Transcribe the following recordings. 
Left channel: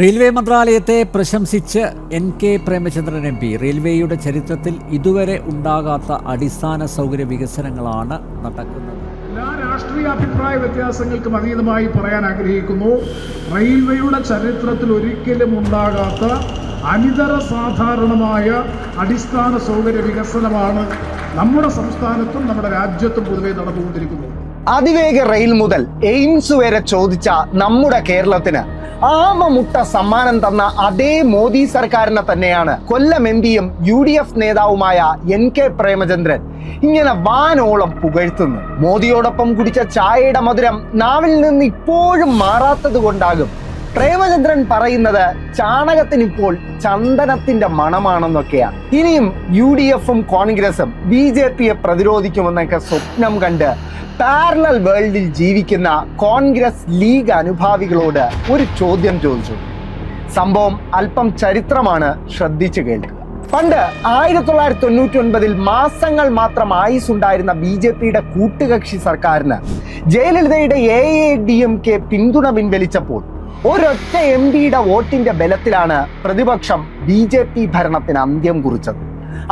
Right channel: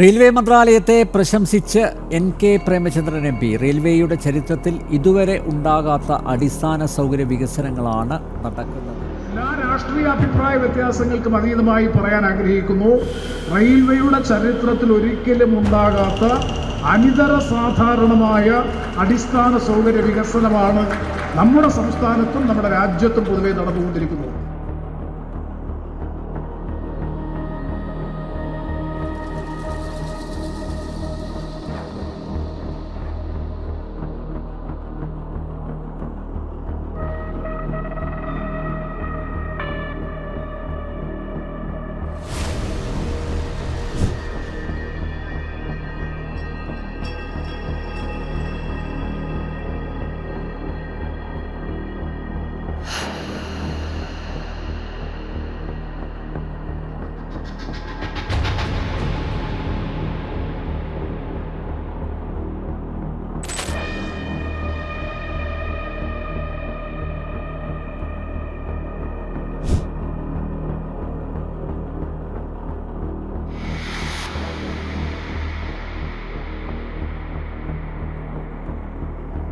Railway മന്ത്രാലയത്തെ പ്രശംസിച്ച് N.K.. Premachandran MP. റെയിൽവേയുടെ ചരിത്രത്തിൽ ഇതുവരെ ഉണ്ടാകാത്ത അടിസ്ഥാന സൗകര്യ വികസനങ്ങളാണ് നടക്കുന്നത്. എല്ലാ രാഷ്ട്രീയ അഭിപ്രായ വ്യത്യാസങ്ങൾക്കും അതീതമായി പറയാൻ ആഗ്രഹിക്കുന്നു. റെയിൽവേയുടെ ചരിത്രത്തിൽ ഒരിക്കലും ഉണ്ടാകാത്ത അനിതര സാധാരണമായ അടിസ്ഥാന സൗകര്യ വികസനമാണ് നമ്മുടെ സംസ്ഥാനത്തും നമ്മുടെ രാജ്യത്തും പൊതുവെ നടന്നുകൊണ്ടിരിക്കുന്നത്. അതിവേഗ റെയിൽ മുതൽ എയിംസ് വരെ ചോദിച്ച നമ്മുടെ കേരളത്തിന് ആമമുട്ട സമ്മാനം തന്ന അതേ മോദി സർക്കാരിനെ തന്നെയാണ് കൊല്ലം എം.പിയും UDF നേതാവുമായ എൻ.കെ. പ്രേമചന്ദ്രൻ ഇങ്ങനെ വാനോളം പുകഴ്ത്തുന്നു. മോദിയോടൊപ്പം കുടിച്ച ചായയുടെ മധുരം നാവിൽ നിന്ന് ഇപ്പോഴും മാറാത്തത് കൊണ്ടാകും പ്രേമചന്ദ്രൻ പറയുന്നത് ചാണകത്തിന് ഇപ്പോൾ ചന്ദനത്തിന്റെ മണമാണെന്നൊക്കെയാണ്. ഇനിയും UDFും കോൺഗ്രസും BJPയെ പ്രതിരോധിക്കുമെന്നൊക്കെ സ്വപ്നം കണ്ട് പാരലൽ വേൾഡിൽ ജീവിക്കുന്ന കോൺഗ്രസ് ലീഗ് അനുഭാവികളോട് ഒരു ചോദ്യം ചോദിച്ചു. സംഭവം അല്പം ചരിത്രമാണ്, ശ്രദ്ധിച്ചു കേൾക്കുക. പണ്ട് 1999 മാസങ്ങൾ മാത്രം ആയുസുണ്ടായിരുന്ന BJPയുടെ കൂട്ടുകക്ഷി സർക്കാരിന് ജയലളിതയുടെ AADMK പിന്തുണ പിൻവലിച്ചപ്പോൾ ഒരൊറ്റ MPയുടെ വോട്ടിന്റെ ബലത്തിലാണ് പ്രതിപക്ഷം BJP ഭരണത്തിന് അന്ത്യം കുറിച്ചത്.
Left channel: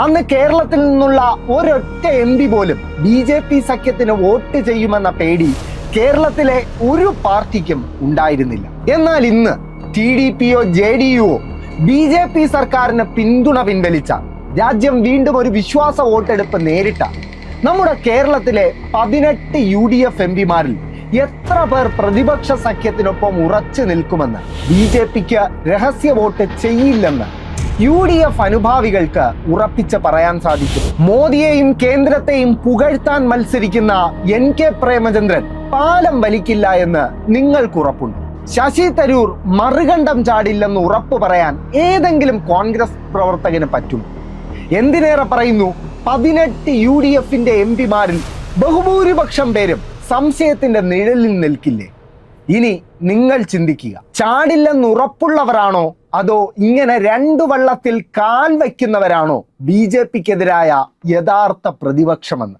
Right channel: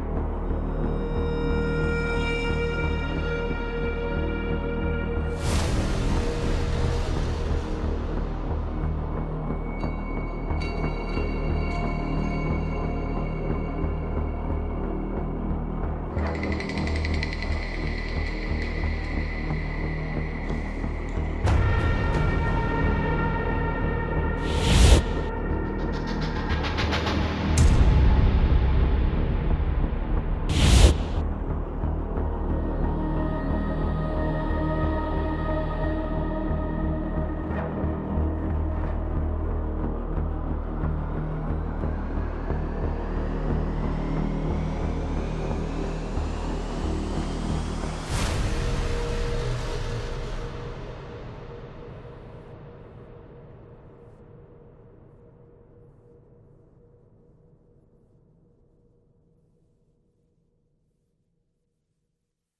അന്ന് കേരളത്തിൽ നിന്നുള്ള ഒരൊറ്റ MP പോലും BJP സഖ്യത്തിന് വോട്ട് ചെയ്യുമെന്ന പേടി കേരളത്തിലെ ഒരു പാർട്ടിക്കും ഉണ്ടായിരുന്നില്ല. എന്നാൽ ഇന്ന് TDPയോ JDUവോ BJP സർക്കാരിന് പിന്തുണ പിൻവലിച്ച രാജ്യം വീണ്ടും ഒരു വിശ്വാസ വോട്ടെടുപ്പ് നേരിട്ട നമ്മുടെ കേരളത്തിലെ 18 UDF MPമാരിൽ എത്ര പേർ പ്രതിപക്ഷ സഖ്യത്തിനൊപ്പം ഉറച്ചു നിൽക്കുമെന്ന് BJPക്ക് രഹസ്യ വോട്ട് ചെയ്യില്ലെന്ന് UDF അനുഭാവികൾക്ക് ഉറപ്പിച്ച് പറയാൻ സാധിക്കും. മോദിയെയും കേന്ദ്രത്തെയും പുകഴ്ത്താൻ മത്സരിക്കുന്ന എൻ.കെ. പ്രേമചന്ദ്രൻ പാലം വലിക്കില്ല എന്ന് നിങ്ങൾക്ക് ഉറപ്പുണ്ട്. ശശി തരൂർ മറുകണ്ഠം ചാടില്ലെന്ന് ഉറപ്പ് പറയാൻ ഏതെങ്കിലും കോൺഗ്രസ് പ്രവർത്തകന് പറ്റും? എന്തിനേറെ പറയുന്നു, 18 UDFന്റെ MPമാരിൽ ബഹുഭൂരിപക്ഷം പേരും സംശയത്തിന്റെ നിഴലിൽ നിൽക്കില്ലേ? ഇനി നിങ്ങൾ ചിന്തിക്കുക, ചാടില്ലെന്ന് ഉറപ്പുള്ളവരാണോ അതോ ഇങ്ങനെ രണ്ടു വള്ളത്തിൽ കാൽ വയ്ക്കുന്നവരാണോ BJPക്കെതിരായ യഥാർത്ഥ പ്രതിപക്ഷമെന്ന്?